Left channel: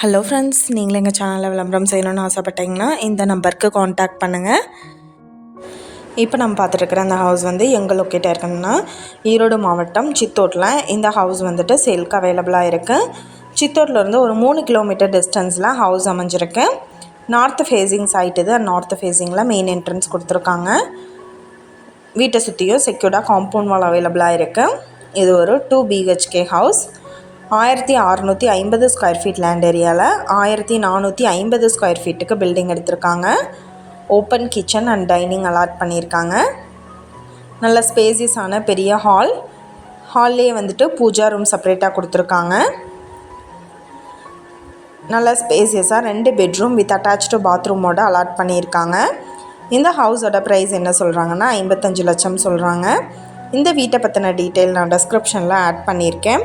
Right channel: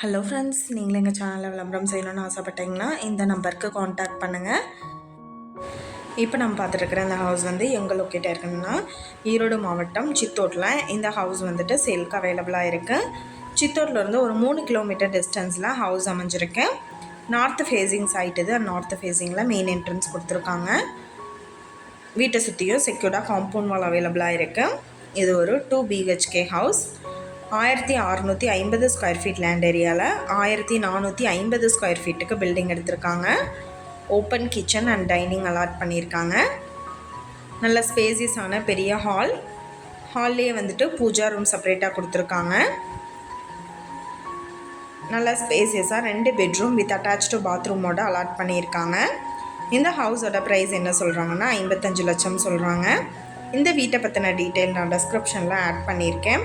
Hello friends நீங்களும் எங்கள் சேனலில் விளம்பரம் செய்யணும்னு ஆசைப்பட்டீங்கன்னா இந்த நம்பருக்கு காண்டாக்ட் பண்ணுங்கள் இப்போ நம்ம பார்த்துட்ருக்குற அந்த ஹவுஸ் வந்து எங்கே லொக்கேட்டாக இருக்குன்னா ஈரோடு மாவட்டம் சித்தோட்டில் இந்த ஹவுஸ் வந்துட்டு சேல்க்கு அவைலபிளாக இருக்குது சித்தோட்டிலேருந்து ஒரு மூணு கிலோமீட்டர் டிஸ்டன்ஸில் ஹவுஸ் அமைஞ்சிருக்கு. நார்த் ஃபேஸிங் சைட் இது நார்த் ஃபேஸிங்கில் மெயின் என்ட்ரன்ஸ் கொடுத்துருக்காங்க. வீட்டை சுற்றியும் செக்யூர்டாக காம்பவுண்ட் வால் அவைலபிளாக இருக்குது இது ஒரு டூ பிஹெச்கே ஹவுஸ் ஆயிரத்தி அறநூற்றி ஐம்பது ஸ்கொயர் ஃபீட் லேண்ட் ஏரியாவில் ஆயிரத்தி நானூற்றி ஐம்பது ஸ்கொயர் ஃபீட்டுக்கு பில்டிங் எடுத்திருக்காங்க. Open kitchen and dining allot பண்ணியிருக்காங்க. நல்ல ஸ்பேசியஸான பெரிய ஹால் ஹால்லே வந்துட்டு பூஜா ரூம் செப்பரேட்டாக கொடுத்துருக்காங்க. நல்ல ஸ்பேசியஸாக ரெண்டு பெட்ரூம் வித் அட்டாச்சு பாத்ரூமோட அலாட் பண்ணியிருக்காங்க. இந்த ஹவுஸோட ப்ரைஸ் என்ன சொல்கிறாங்கன்னா ஐம்பத்தஞ்சு லட்சம் சொல்கிறாங்க இந்த வீட்டை பற்றின டீட்டெயில் நான் டெஸ்கிரிப்ஷனில் ஆட் பண்ணியிருக்கேன்.